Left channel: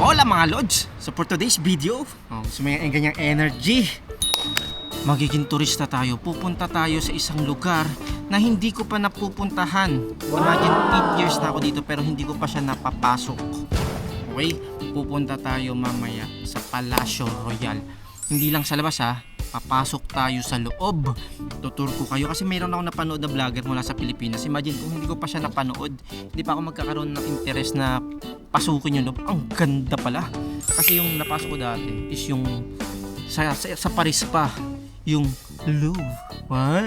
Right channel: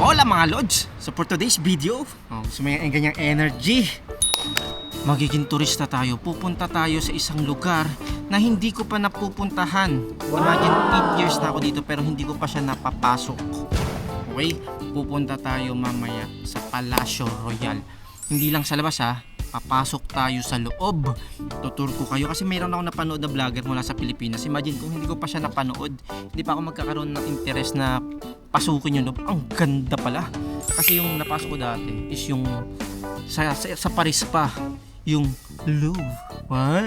Hola mga lods! So for today's video, gusto mo yung ganyang energy, magiging turista tayo. Pupunta tayo sa isang lugar na hindi ko pa napupuntahan. Imagine 8 years na ako dito pero hindi ko pa siya napapasok. Okay? Pupunta tayo mamaya sa Palacio Royal. Hindi lang sa labas ha, papasok tayo sa loob. Tutur ko kayo kasi mayroon ako napanood na vlogger mula sa Pilipinas. Imagine kung hindi ko pa siya napanood, hindi pa ako magkakaroon ng interest na pasukin yung loob. Ang ganda pala. Kasi yung napasok ko dati is yung sa Paris pa, yung Louvre.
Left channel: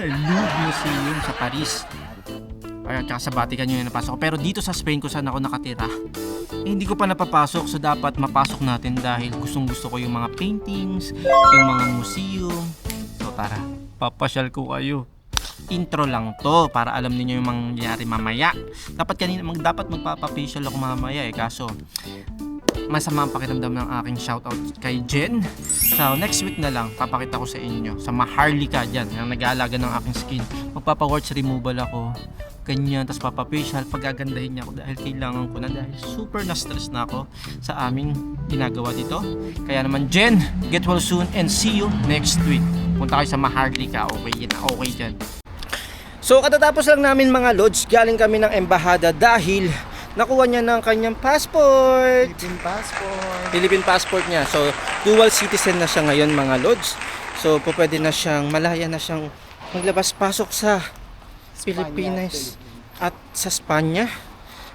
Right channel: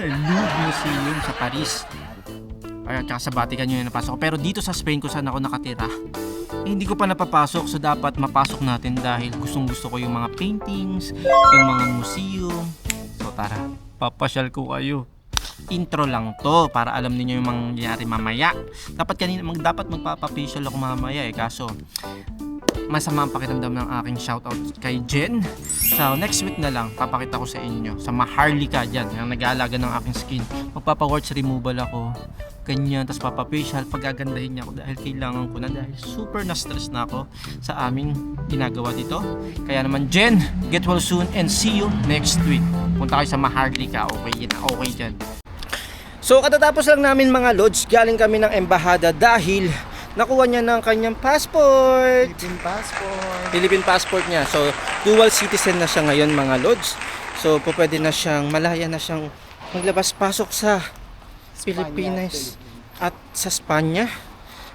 Louvre Museum sa Paris. Ay, at sa Vatican yung napasok ko. Pero dito sa Spain ko saan ako nakatira, hindi ko pa napapasok. So dapat mapasok natin dahil gustong gusto ko yung mga paintings, yung mga museum. So tara, papasyal ko kayo. Intro lang to para alam niyo yung mangyayari mamaya. Dapat magpapapasyal ako mamaya kaso masama ang pakiramdam ng aking shoutout kay Jen. So next week na lang papakita ko sa inyo sa Maharlika dyan, yung nag-aalaga ng aking skin. Magpapa-warts removal ako, ganyan, tapos papafacial, pagagandahin niya ako dahil kailangan ko na, dahil super na-stress na ako sa aming ginagawa dito. Kaya naman Jen, get well soon and see you next week. Punta kayo sa Maharlika, okay dyan. So katatapos lang namin mga lods, galing kami ng embahada dahil nakuha niya ng kanyang passport. Philippine passport niya. So dual citizen na siya ngayon mga lods. So pwede na siyang, malaya na siyang maglabas-pasok sa Pilipinas at sa Spanya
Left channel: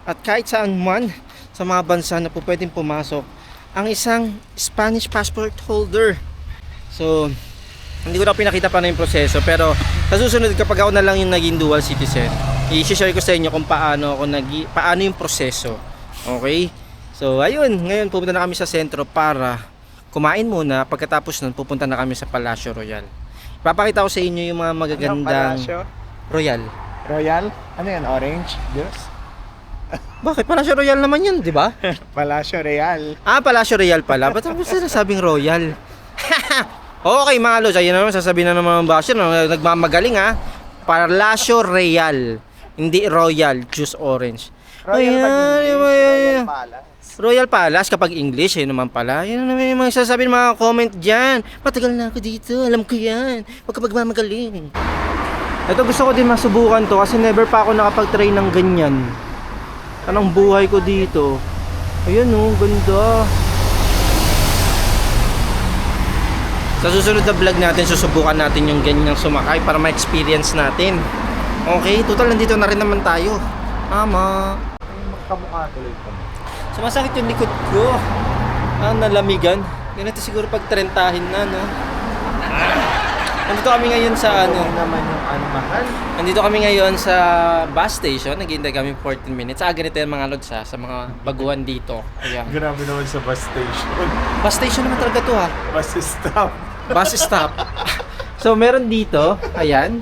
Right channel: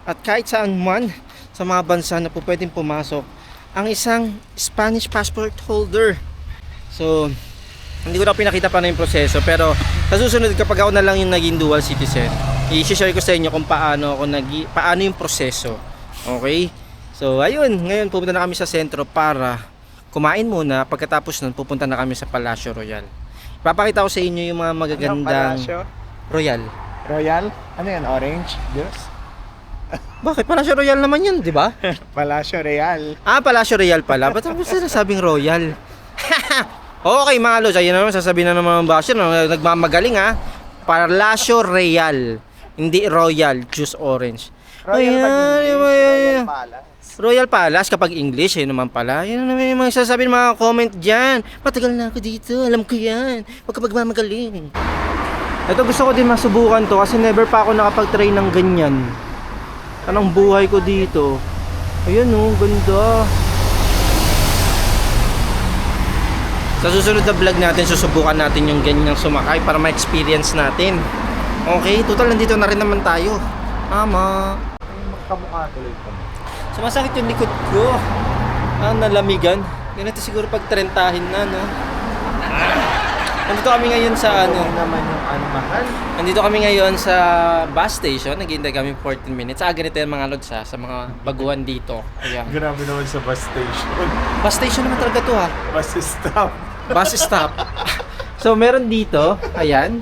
at kahit saan man sa mga bansa na pwedeng pumasok ang isang Spanish passport holder. So hindi ko na pinakita pa na yung proseso, pero sa susunod kapag ako na lang yung naging dual citizen, i-share ko sa inyo kung paano yung proseso. Okay? So ayun, ngayon pupunta na kami sa sentro para kumain muna. Pagkatapos nun pupunta na kami sa Palacio Royal. Ipapakita ko sa inyo yung mga magagandang Royal. Ano yan? Orange? Juice? Bakit? Palacio Royal naman yun, di ba? Palacio Real. Palacio Royal pala. Ba't ako sinasabing Royal? Okay mga lods, ayun naman sasabihin na naman ng basher, nagmamagaling ha. Palacio Real, hindi Royal Juice Orange. Royal Palace. Royal Palace kapag English, yun naman pala. Yun naman yung mga sasabihin ng mga comment dyan. Matagal na ako dito, alam ko yan. Huwag ka magmamagaling. Ito gusto ko din masubukan to kasi never pa ako nakapag-try ng ganyan. Anong buhay ko dito. Ayun ganda. Sa susunod na vlog natin, susubukan natin yung ganyang sumakay para ma-experience natin. Okay, total nandito na rin naman tayo. Tama. Magkamukha tuloy ko. Sumasakit yung likod ko. Nalamigan. Ganito siguro pag trentahin na, no? Nandito kami ngayon sa naman yung mahal. Nandito kami ngayon sa bus station. Naghihintay kami 14 minutes. Ganito yung mga lods sa mga baguhan dito. Ayan. Grabe naman sa bus station. Bus station naman talaga to ha. Bus stop. Bus stop. So meron dito, ayan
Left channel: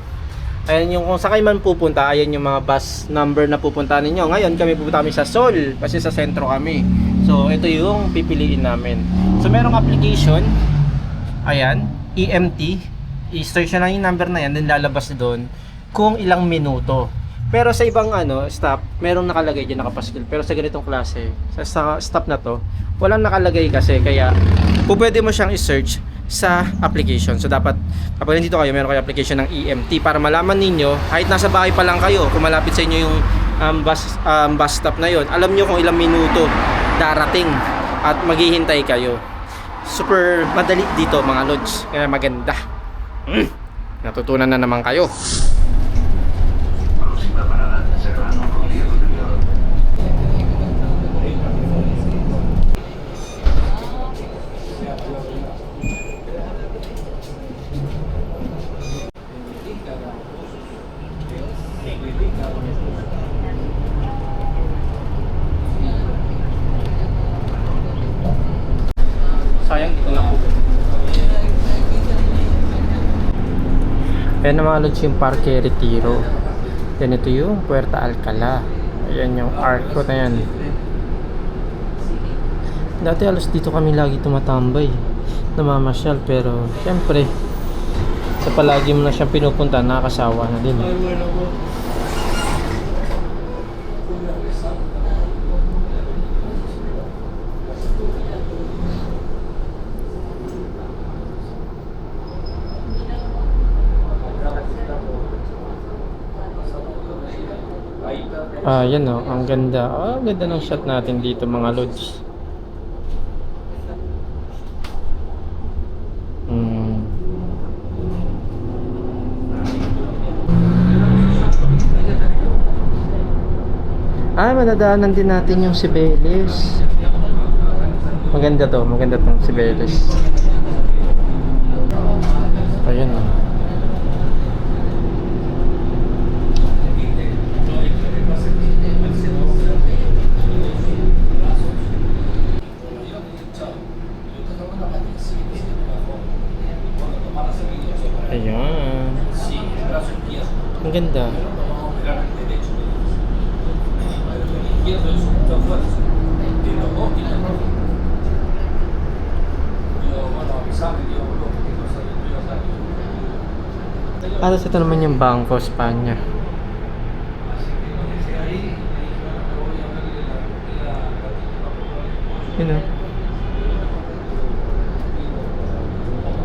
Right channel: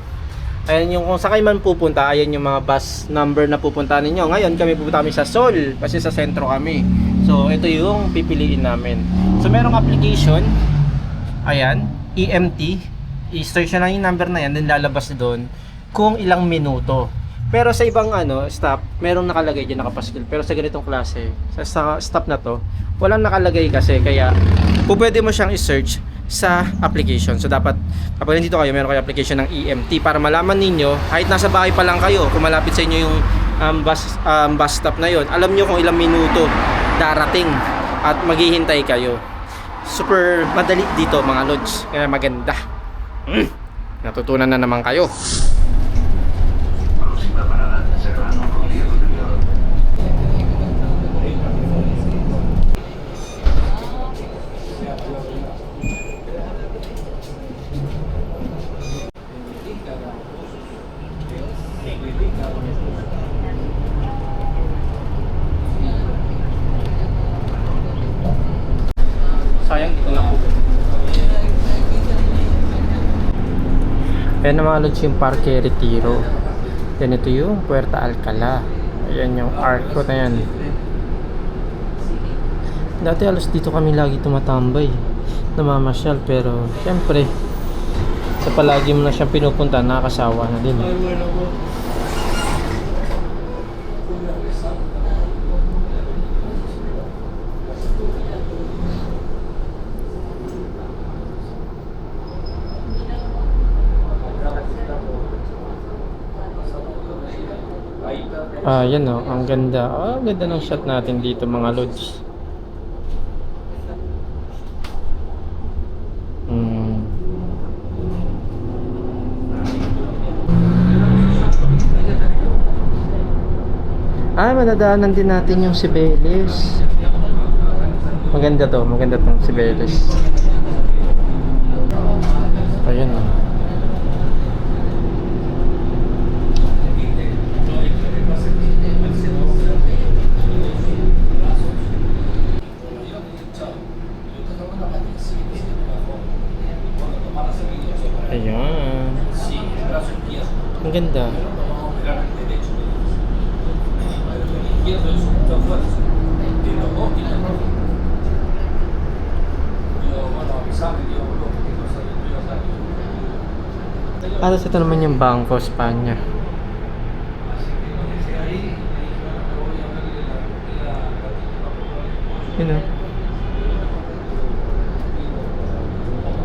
yung kung sakay man pupunta, ayan yung mga bus number na pupunta ninyo. Ngayon kami pupunta kami sa Sol kasi sa sentro kami. So ito yung pipiliin namin. So merong application, ayan, EMT. I-search na lang yung number na yan, then lalabas doon kung ilang minuto. Pero sa ibang stop, merong nakalagay dyan, nakapaskil. Pero sa ganitong klase, sa stop na to, walang nakalagay kasi, kaya pwede mo siyang i-search sa application. So dapat kapag nandito kayo, meron kayo application ng EMT para malaman ninyo, kahit nasa bahay pa lang kayo, kung malapit sa inyo yung bus stop na yon, alam nyo kung ilang minuto darating at maghihintay kayo. Super madali dito mga lods, kaya maganda. Natutunan na naman kayo. Sayang dito lang po. Ayan na mga lods yung Parque Retiro. Yan ito yung Puerta Alcalá. Ayan yung arco na yan. Dati alos dito kami lagi tumatambay, namamasyal, pero syempre sa palagi mo na siyang pinupunta, nakakasawa na din. Yan o, ang ganda. Ang ganda ng shot natin dito mga lods. Madadaanan din natin yung Cibeles. Maganda tong Cibeles. Ayan o. Ayan. Ang ganda. Tapos ito naman yung Banco Spanya. Yun o.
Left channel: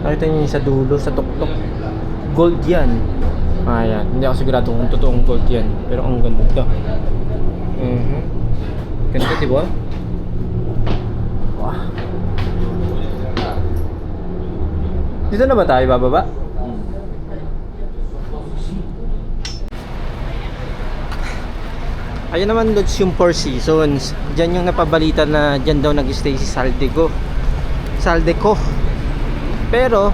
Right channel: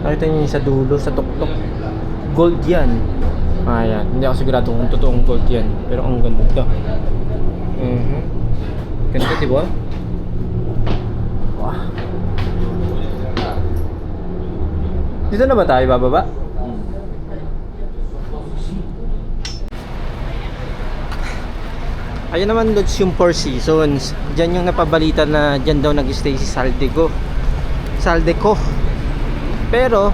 Nakita niyo yung sa dulo, sa tuktok. Gold yan. Ayan. Hindi ako sigurado kung totoong gold yan. Pero ang ganda. Ganda, diba? Wow. Dito na ba tayo bababa? Ayun naman lods yung Four Seasons. Diyan yung napabalita na diyan daw nag-stay si Saldeco. Pero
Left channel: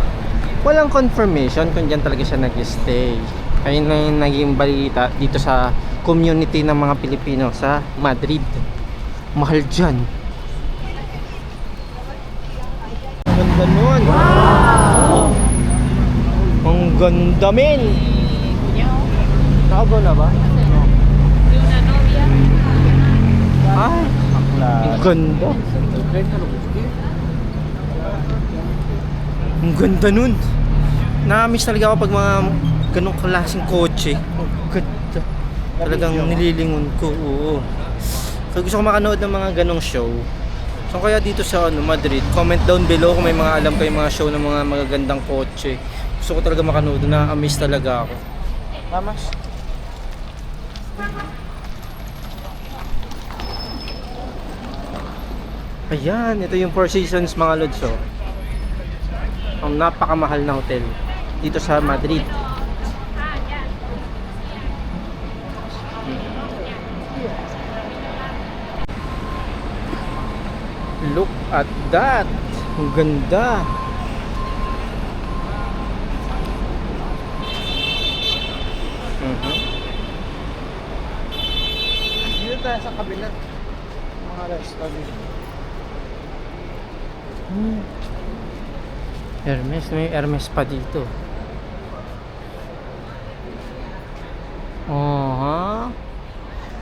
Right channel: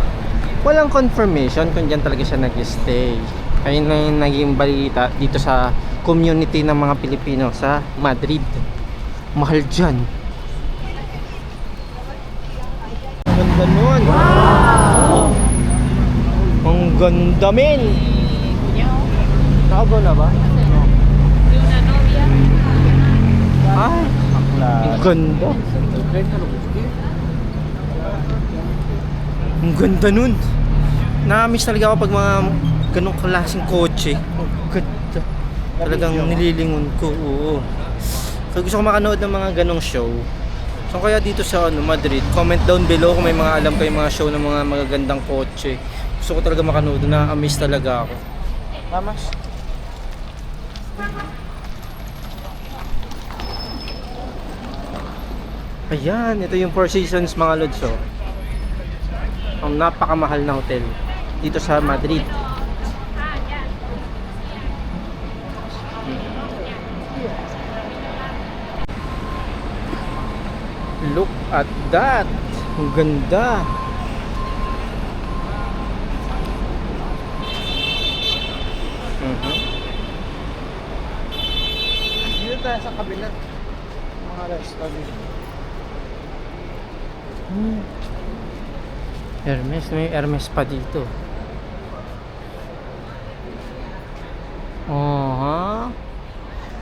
walang confirmation kung diyan talaga siya nag-stay. Ayun na yung naging balita dito sa community ng mga Pilipino sa Madrid. Mahal diyan. Ang ganda nun. Wow! Ang ganda men. Nakago na ba? Ay, ang ganda. Ang ganda nun. Na-miss talaga ako pag mga ganong klaseng kotse. Ang ganda. Talagang nililingon ko. Oo. So gusto ko makanood ng mga ganong show. So kaya dito sa Madrid, comment down below kung may mga alam kayong mga show ng mga magagandang kotse. Gusto ko talaga makanood. Na-miss talaga ako. Mamas. Ayan, ito yung Four Seasons mga lods. Oh. Ang napakamahal na hotel dito sa Madrid. Look at that. Ang ganda. Dito tayo sa kabila. Mga restaurant. Hermes, may Hermes pa dito.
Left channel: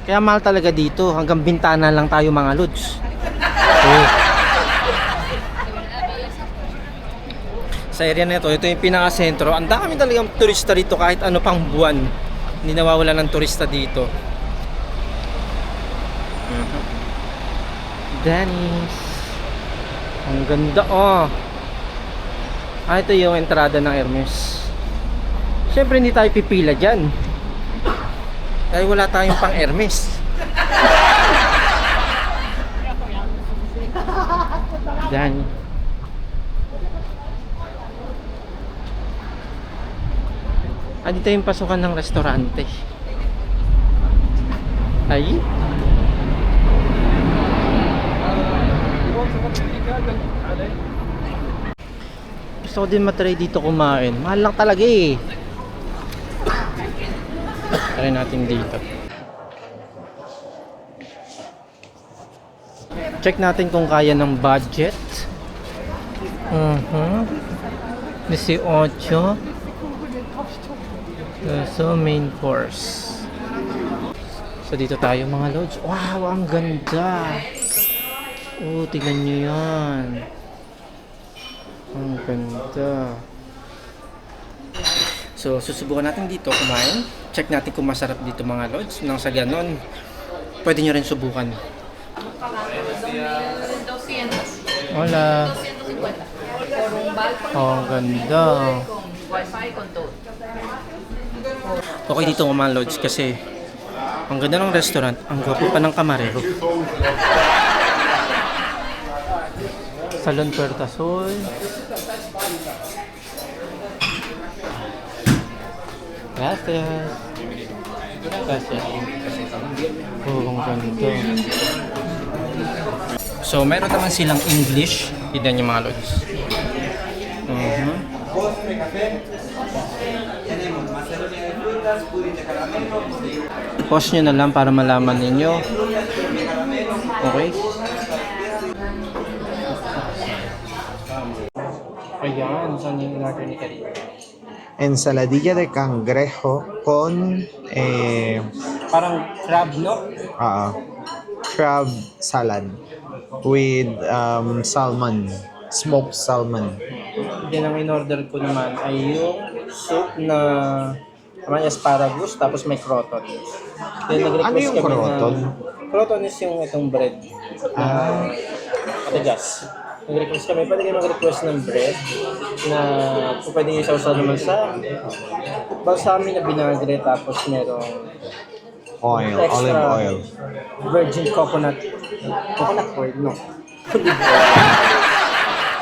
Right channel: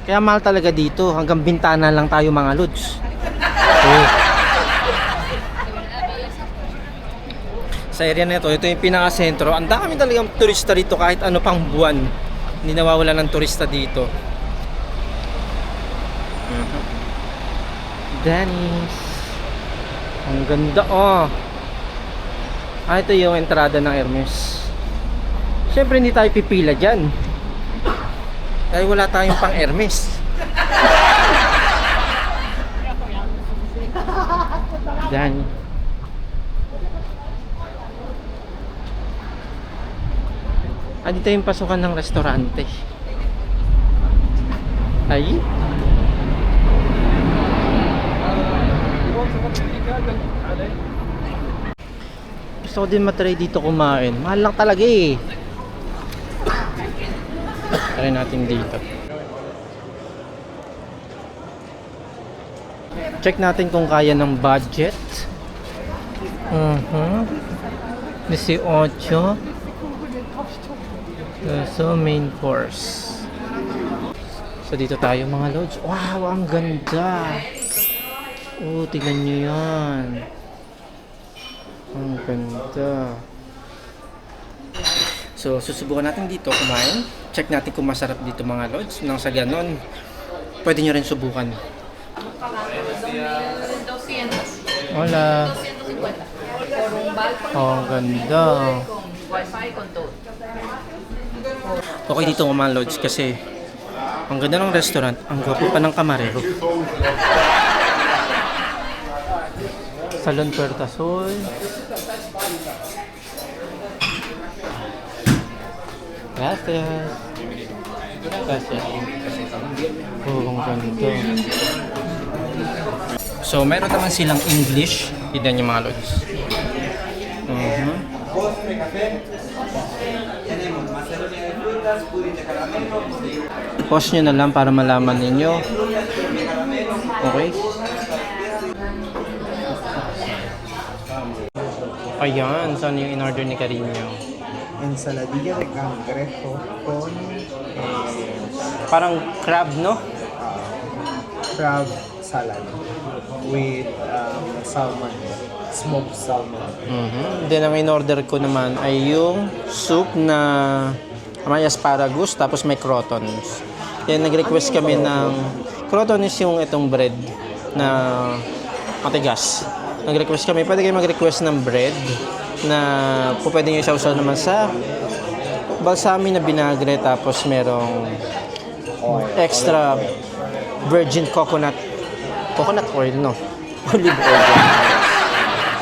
Kaya mahal talaga dito. Hanggang bintana lang tayo mga lods. Sa area na ito yung pinaka-sentro. Ang dami talagang turista dito kahit ano pang buwan. Hindi nawawala ng turista dito. Dennis. Ang ganda oh. Ito yung entrada ng Hermes. Siyempre hindi tayo pipila dyan. Dahil wala tayong pang Hermes. Dyan. Dito yung pasukan ng restaurante. Ay. Gusto ko din matry dito kumain. Mahal lang talaga eh. Try natin dito. Check natin kung kaya ng budget. 18. So main course. So dito tayo mga lods. Wow, ang ganda. Oh, tingnan nyo yan. Ang ganda. So, susubukan natin dito kumain. Check natin kung masarap dito mga lods. Nang sa ganon, pwede nyo rin subukan. Hola. Oh, ang ganda. Okay dito mga lods kasi Ang ganda ng restaurant. Ang gwapo pa ng kamarero. Salon Puerta Sol. Gracias. Gracias. Oh, ang ganda. So, meron naman silang English. Tignan niyo mga lods. Pause nyo na lang para malaman ninyo. Okay? Ayan, so ano yung in-order ni Carino? Ensaladilla de cangrejo con Parang crab, no? crab salad with salmon, smoked salmon. Then ang in-order ko naman ay yung soup na may asparagus tapos may crotons. Yan, nag-request kami ng crotons yung itong bread na matigas. Nag-request kami, pwede kayo mag-request ng bread na po pwede nyo isaw-saw naman sa balsami na binagre tapos merong extra Olive oil. virgin coconut oil, no? Olive oil.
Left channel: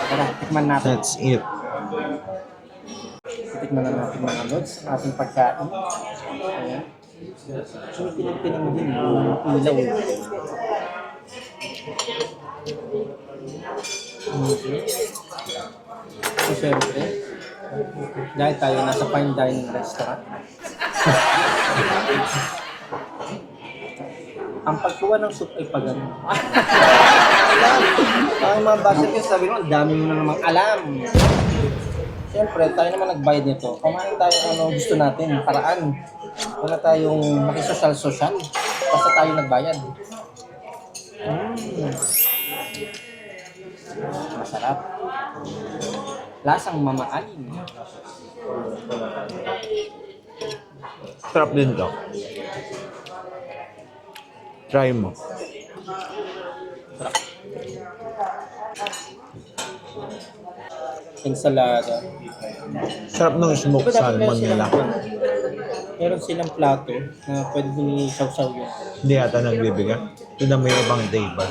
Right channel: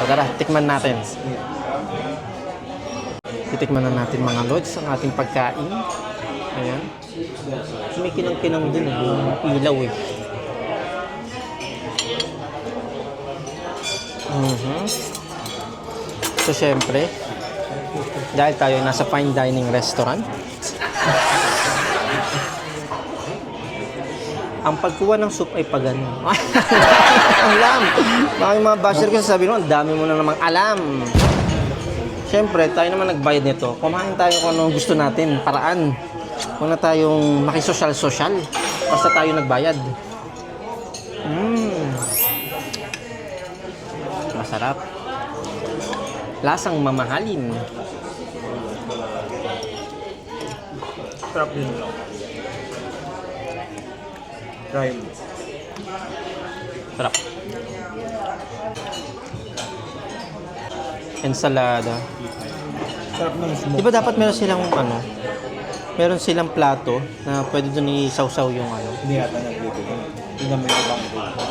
Tara, tikman natin. That's it. Titikman na natin mga lods ang ating pagkain. Ayan. May kinang-kinang din yung ilaw eh. So syempre, dahil tayo nasa fine dining restaurant, ang pagkuha ng soup ay pagano. Ayan. Mga basher ko sabi mo, ang dami mo na namang alam. Siyempre, tayo naman nagbayad nito. Kumain tayo kung ano gusto natin, paraan. Huwag na tayong makisosyal-sosyal. Basta tayo nagbayad. Masarap. Lasang mamahalin. Sarap din to. Try mo. Sarap. Ensalada. Sarap ng smoked Di ba dapat meron salmon silang nila. meron silang plato na pwede doon i-sausaw yung ano. Hindi yata nagbibigay. Yun na may ibang table.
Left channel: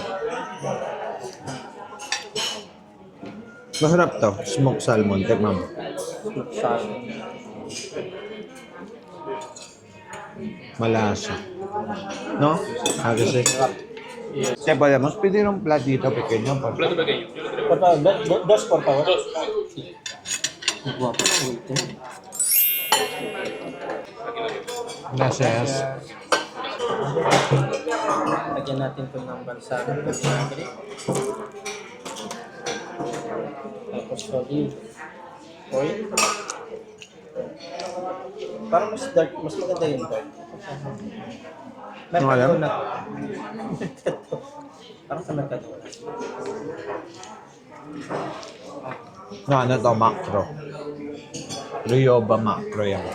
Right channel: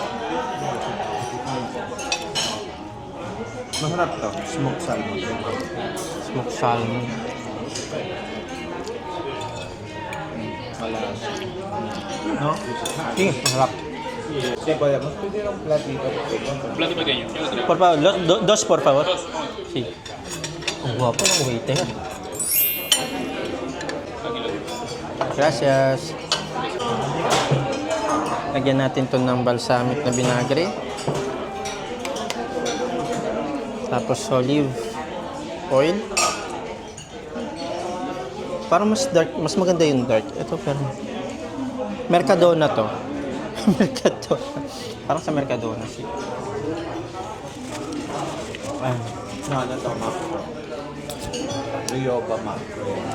Masarap to. Smoked salmon. Tikman mo. Smoked salmon. Malasa. No? Kasi. Kaya pala, mas pwede ng plat dito. Pequeño. Por favor, dos por favor. Sí. Ang guwapo ng waiter. Gracias. Lagyan natin to ng balsamic na binagre. Tapos olive oil. Parang mas dark, mas maganda yung dark. Ito pero Mercadona to. Mercadona. Parang sa Mercadona siya. Ano to? Macro. Rioba macro yan.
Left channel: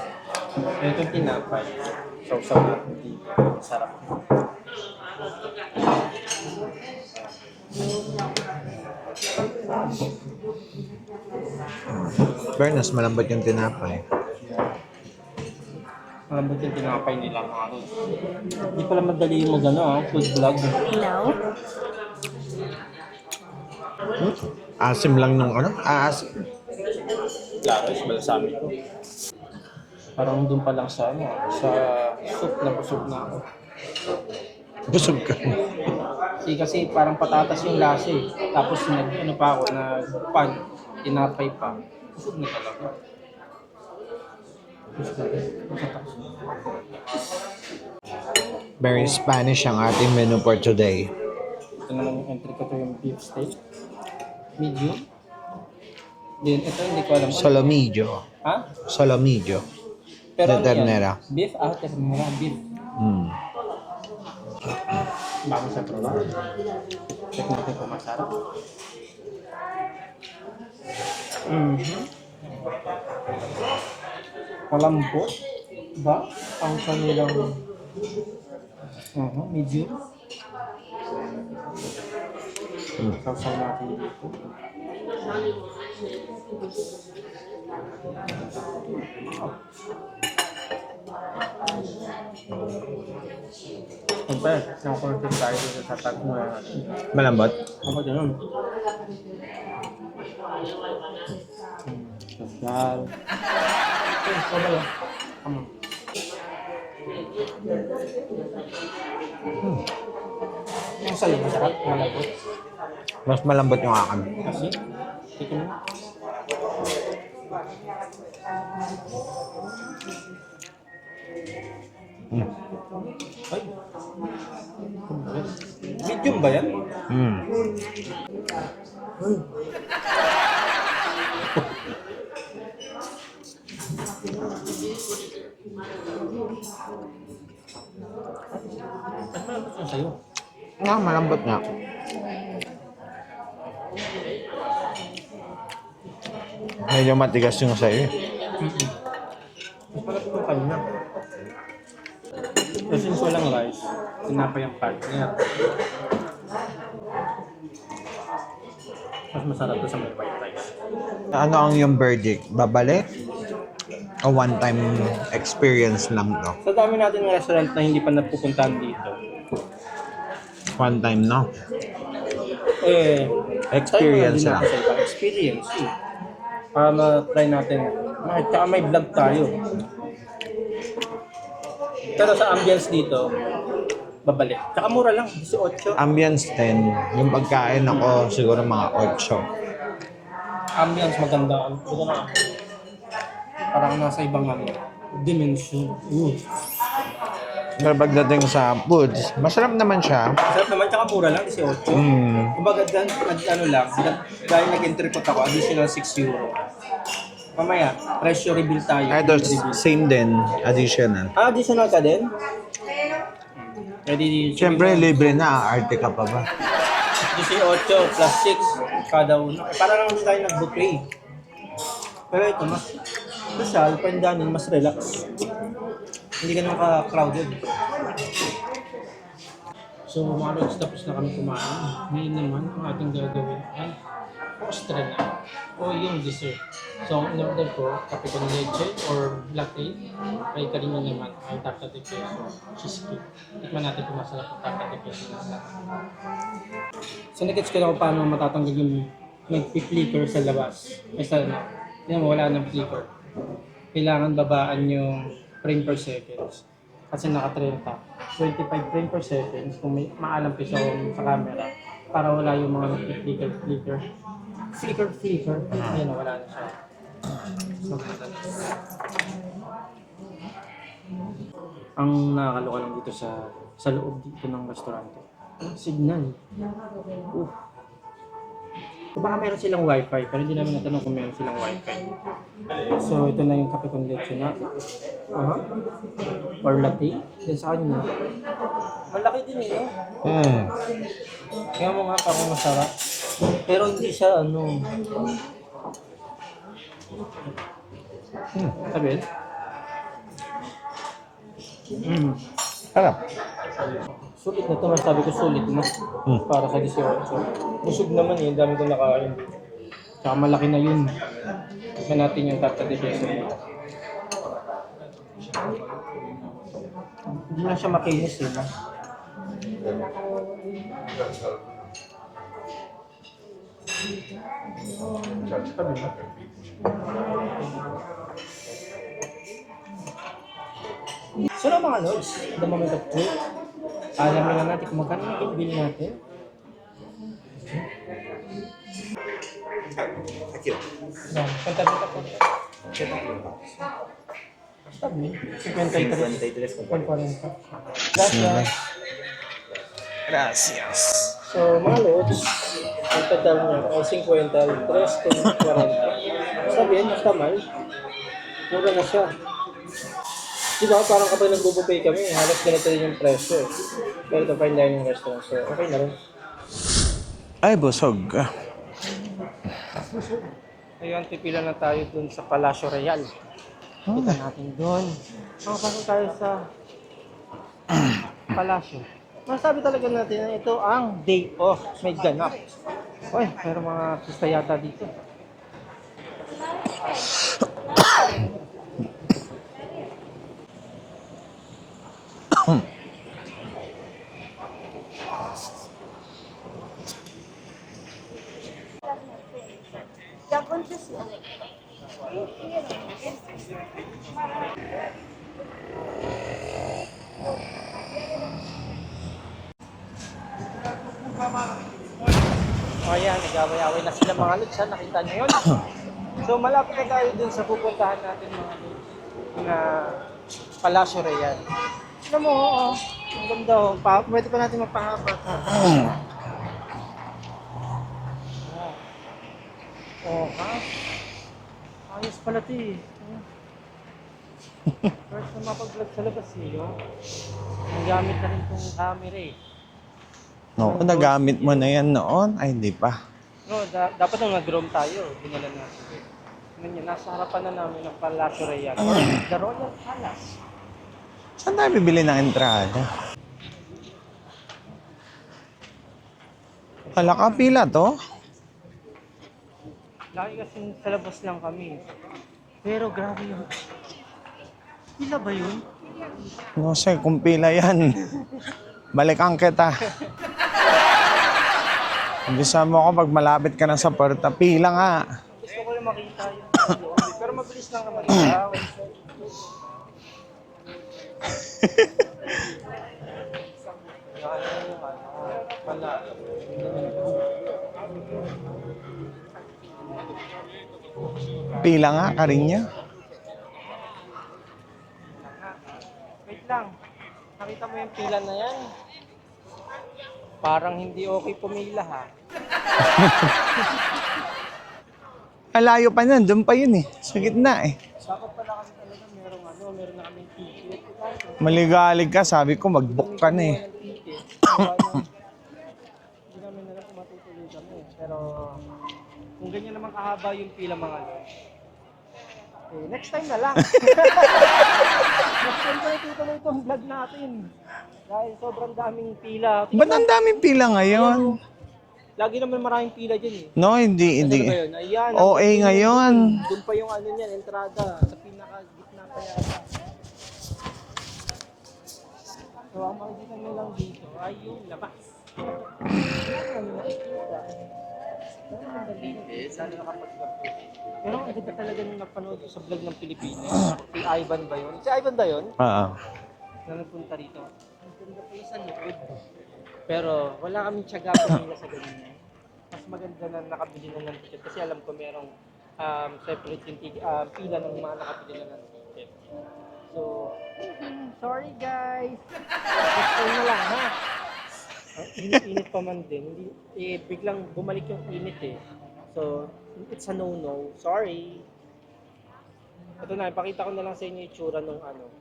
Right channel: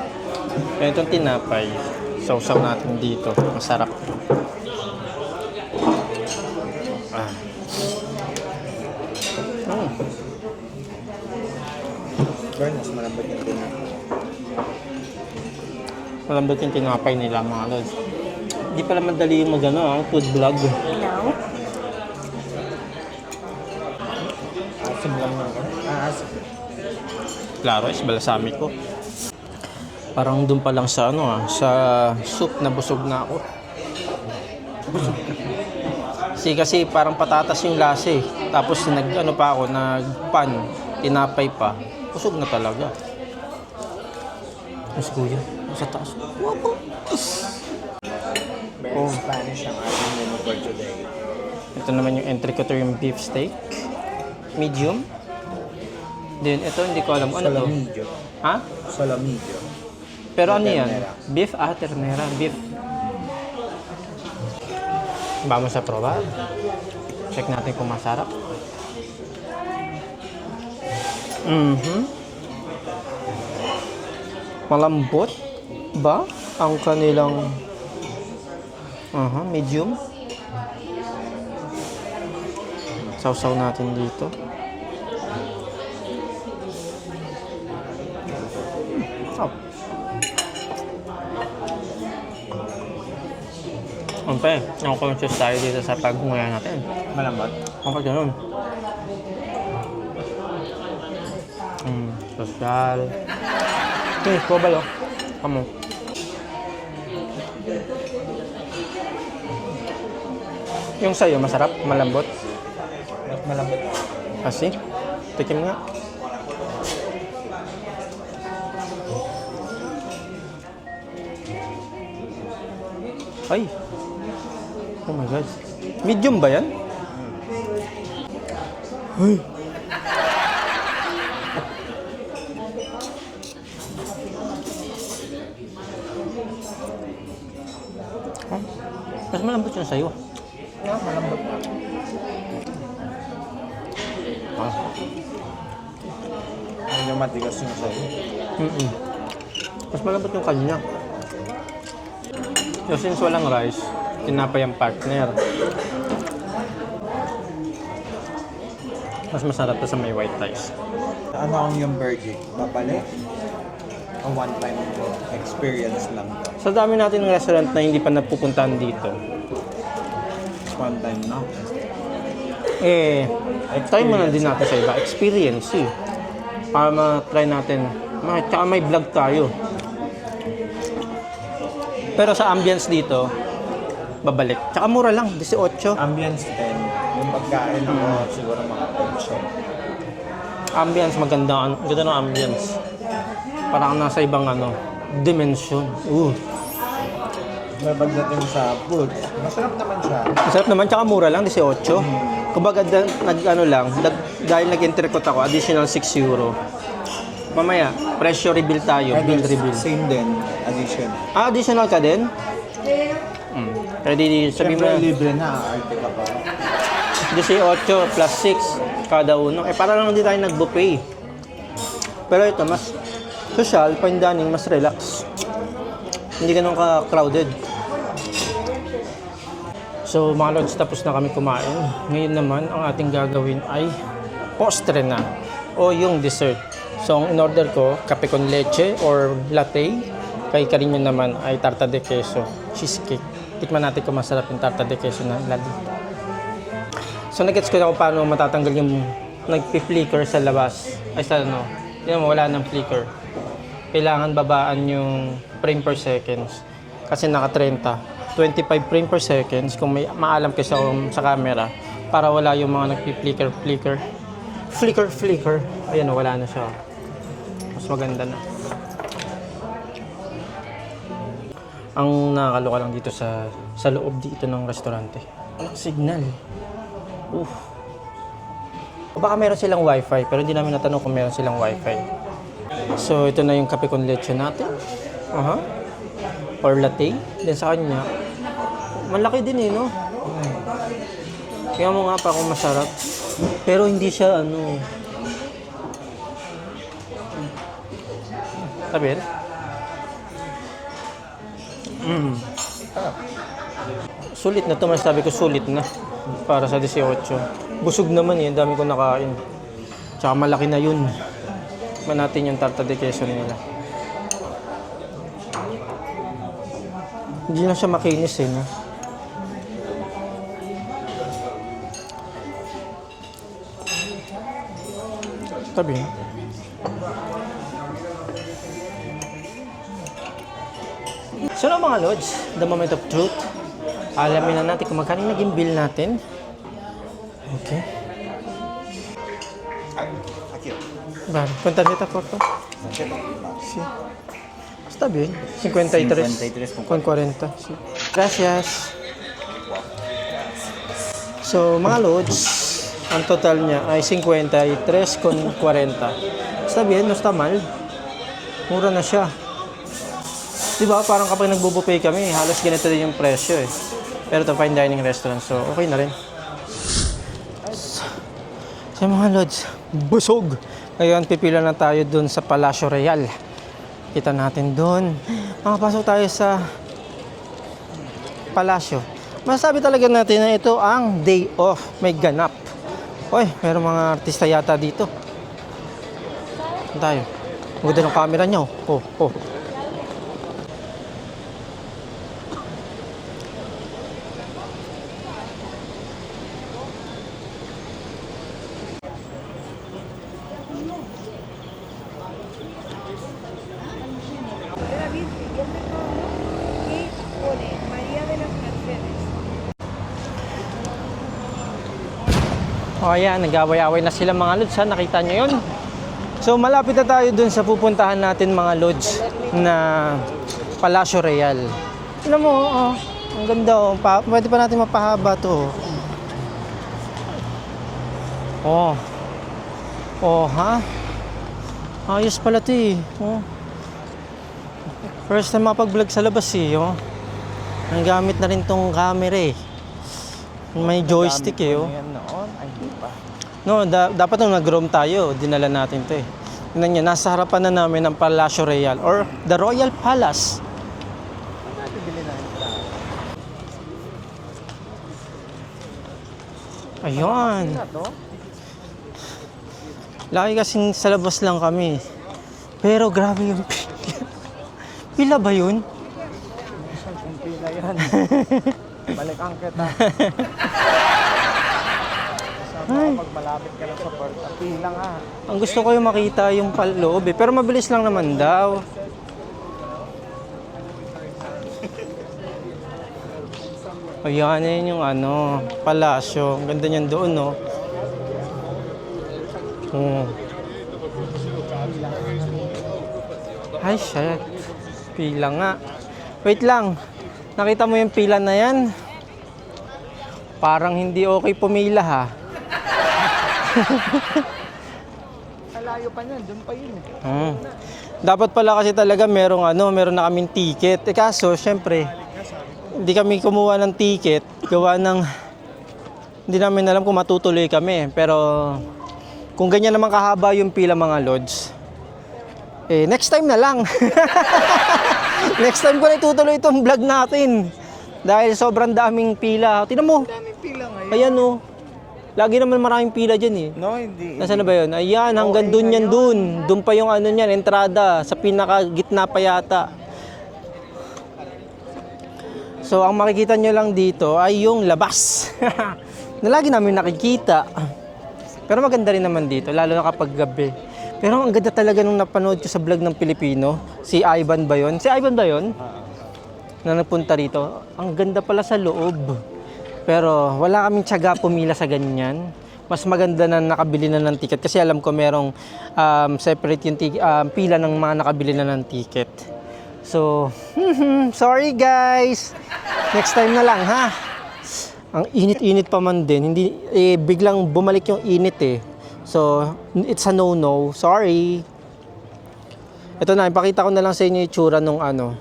Kaya itong tinapay, sausaw natin dito. Masarap. Fairness, malambot yung tinapay. Malambot yung tinapay nila mga lods. Hindi pala madali mo gano'n, food vlog. No. Asim lang ng ano? Asim. Klaro, is balsamic ko. Parang doon pa lang sa sa soup na busog na ako. Busog ka. Kasi parang patatas yung lasa eh. Tapos pa ako, nagpan, tinapay pa. Busog na talaga. Mas kuya, sa taas. Very Spanish ang ating menu for today. Ito naman yung entrecôte, yung beef steak. Medium. Then ito hindi ko alam ano. Solomillo. Ha? Solomillo. Pero De ano yan? ternera. Beef? Ternera. Beef. Vamos a probar. Check natin kung masarap. Malambot ba ang kanilang medium? Sausaw natin dito. Oh. Siyempre, yung conscious tayo dito sa pag-unguya natin. Malambot? Ako ganun. Social. Okay, ko ba yun? Kamo. Yung sa'yo, masarap, malambot. Mas malambot yung akin. Kasi, tikim nga. Ay! Oh my God. Medium ba yan? Ay! Mas malambot yun sa'yo. Malambot na. Medyo matigas yung sa'yo. Mas malambot yung kanya. So, since walang rice, tinapay ang partner. Mas masarap to sa may white rice. Ano ang yung verdict? Babalik? O one-time experience lang to? Sa dami natin ng restaurant na hindi pa napupuntahan dito, One time, no? try mo na din Experience natin sa iba. Experience eh. Para ma-try natin. Tsaka may vlog tayo. Pero sa ambience dito, babalik. Tsaka mura lang, 18. Ambience 10. Yung pagkain ako, siguro mga 8. Ambience, maganda. Ganda ng ambience. Parang nasa ibang dimension. Pero pagdating sa foods, masarap naman siya. Masarap naman, tsaka mura lang, 18. Kumbaga, dahil nag-intercot ako, additional 6 euro. Mamaya, presyo reveal tayo. Idol, Reveal. same din, additional. Additional ka din? Pwede Siyempre, libre na, arte ka pa ba? 18 plus 6 kada uno. Para lang hindi tayo nag-buffet. Pero ito, mas social, fine dining, mas relax. Hindi ganun ka-crowded. So mga lods, tapos na kami kumain. Ngayon naman, ang ating gagawin ay postre na o yung dessert. So ang in-order ko, kape con leche or latte. Kay Carino naman ay tarta de queso, cheesecake. Tikman natin kung masarap yung tarta de queso na latte. So nag-gets ko na kung paano matatanggal yung nagpi-flicker sa labas. Ay sa yun mo, wala ng flicker. Kailangan babaan yung frame per seconds. Kasi naka-30. 25 frame per seconds kung may maalam kayo sa camera para wala yung mga nagpi-flicker. Flicker. Ayan, wala na siya. Mas maganda na. Ang nakakaloka lang dito sa loob dito ng restaurante. Signal. Baka meron silang wifi, pero hindi namin natanong kung meron silang wifi. So, ito na yung kape con leche natin. Or latte. Then sa kanya, malaki din no? Kaya mo nga pa kung masarap. Pero hindi siya Sabihin? Harap. Sulit na ito, masasabi ko sulit na. Para sa 18. Busog naman ang dami ko nakain. Tsaka malaki na yun. Tikman natin yung tarta de queso nila. Hindi lang siya makinis no? Tabi. So mga lods, the moment of truth. Alamin na natin kung magkano naging bill natin. Okay. Vale, punta dito po to. Sí. Está bien. 53 con 40. Sí. Gracias. So, mga loads, ang total niya ay 53 con 40. Está bien, no está mal. Mura na siya. Diba, parang kapag nagbubuffet kami, halos ganito din yung presyo Pero ito, fine dining restaurant, so okay na rin. Ay, busog. So mga lods, busog. Ngayon, pipila na tayo dun sa Palacio Real. Kita natin dun. Makapasok tayo sa Palacio. Masasabi talaga natin na ito ang day off. May ganap. Uy, meron mga artista yata dito. Ano tayo? Maganda ng camera nyo. O ayan, nag-away-away na sila mga lods ha, nakita nyo yun? So malapit na tayo dun sa pupuntahan natin mga lods na Palacio Real. Tignan mo, oh, ang ganda oh, pwede pa natin mapahaba to. Oh. Oh, ha? Ayos pala to eh. Oh. First time mapag-vlog sa labas eh, oh. Ang gamit na rin tong camera eh. May joystick nagamit mo eh. na yan noon? Ay, hindi pa. No, dapat nung nag-roam tayo, dinala natin to eh. Tingnan nyo, nasa harapan na namin ng Palacio Real or the Royal Palace. Saan tayo bibili ng entrada? Ayun. Nakapila to? Lagi kasing sa labas lang kami. Pero grabe yung pila. Pila ba yun? No, sir, kung pila yan. Balikan kita. Gusto mo ako pag malapit ka na sa puerta, pila nga. Ang gusto ko yung makita yung paloob eh. Pero mabilis lang naman daw. Ayan, yan yung ano, palasyo. Ang ganda niyan doon, no? Pila nga, Karinya. Ay, shit. Pila nga. Wait lang. Nakita mo yung pila na yan? Parang hindi okay pumila, ha? Alayo pa yan, doon pa yun eh. Sa gitna eh. Dapat pala kasi talaga meron na kaming ticket. Eh kaso, syempre, Maligalig ka, sabi ko hindi kami kumuha ng ticket. Gawa ng, hindi namin alam kung matutuloy kami. Pero, kung ganyan naman kahaba yung pila mga lods, eh, next time na lang. Next time ko na itutuloy itong vlog natin. Dahil sobrang daming pila. Ba't ang daming pila ngayon? Ayan o. Lagi naman maraming pila dyan eh. No, hindi. Nasaan na ba yun? Ayan, hanggang Okay, dun yan ngayon. dun. Dun pa yung ano niyan, entrada. Sa pinaka-gitna pa yata. So, ang makikita nyo lang dito ay yung labas. Na lagi namin nakikita. Pero maganda rin naman dito, lalo na kapag gabi. Pero ang ganda talaga nung napanood ko sa vlog ng Pilipino. Si Ivan ba yun? Si Ivan ba yun? Oo. Na nagpunta rito. Ang ganda pala sa loob. Pero wala kaming tiyaga pumila sa ganyan. Mas maganda na nakabili na ng ticket kasi alam ko merong separate yung pila ng mga nakabili na ng ticket. So, sorry guys. Next time na lang ha. Ang init-init pa man din. Hindi biglang bumalik yung init eh. So, it's a no-no. Sorry. Ito na, ipakita ko na lang sa inyo yung itsura nung ano.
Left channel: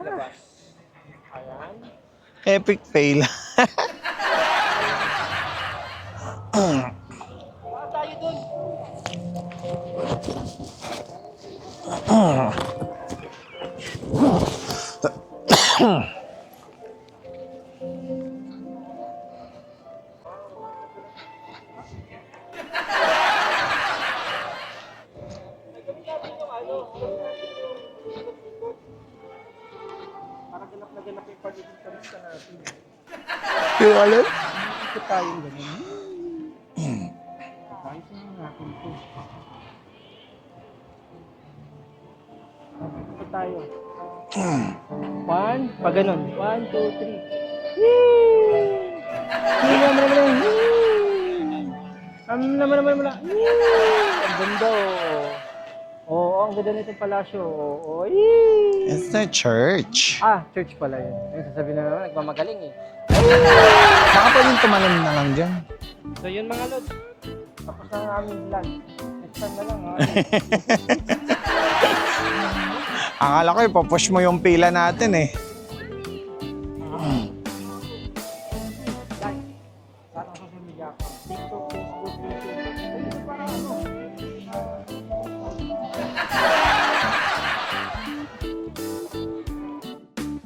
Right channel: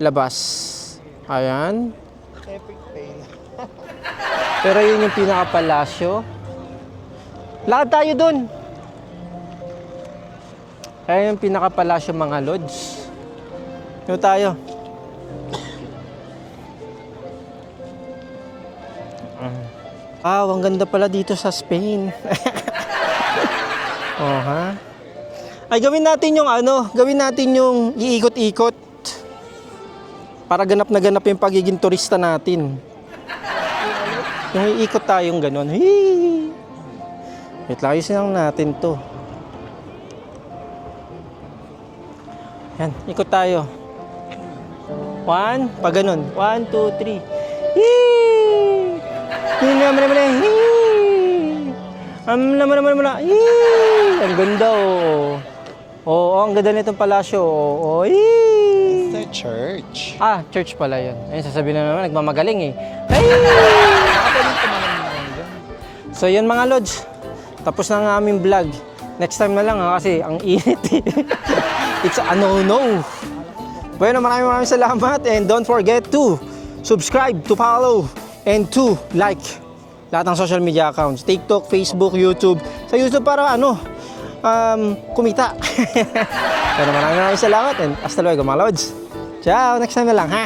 Labas. Ayan. Epic fail. Pero yun yung pinaka-palasyo. Lakad tayo dun. Ayan yung pinaka-palasyo mga lods. Ito tayo. Ang ganda pala dito sa Spain. Oh, ha? Ay, gawin natin yung ano, gawin natin yung iikot-ikot. Para ganap na ganap yung pagiging turista natin. Yung ano? Yung iikot tayong gano'n. Wait lang, ayusin lang natin to. Yan, ikot tayo. 1, pag ganun. 1, 2, 3. Ang ganda, oh. Oo, ang ganda nitong palasyo. Oh, It's the church. church pala yun. Ayun, sasabihin na naman, nagmamagaling eh. Bakit tumanan naman dyan? So yun mga lods, tapos na ang aming vlog. Next time na lang ha, kasi ang init. It's a no-no. Akala ko ipapush Bueno, mo yung pila salamat natin eh. and don't forget to subscribe, to follow, and to like lahat ng social media accounts. TikTok, Facebook, YouTube. Sa YouTube para ano, kumita. Pero maraming salamat and hasta luego mga lods. Ciao, next time na lang ha.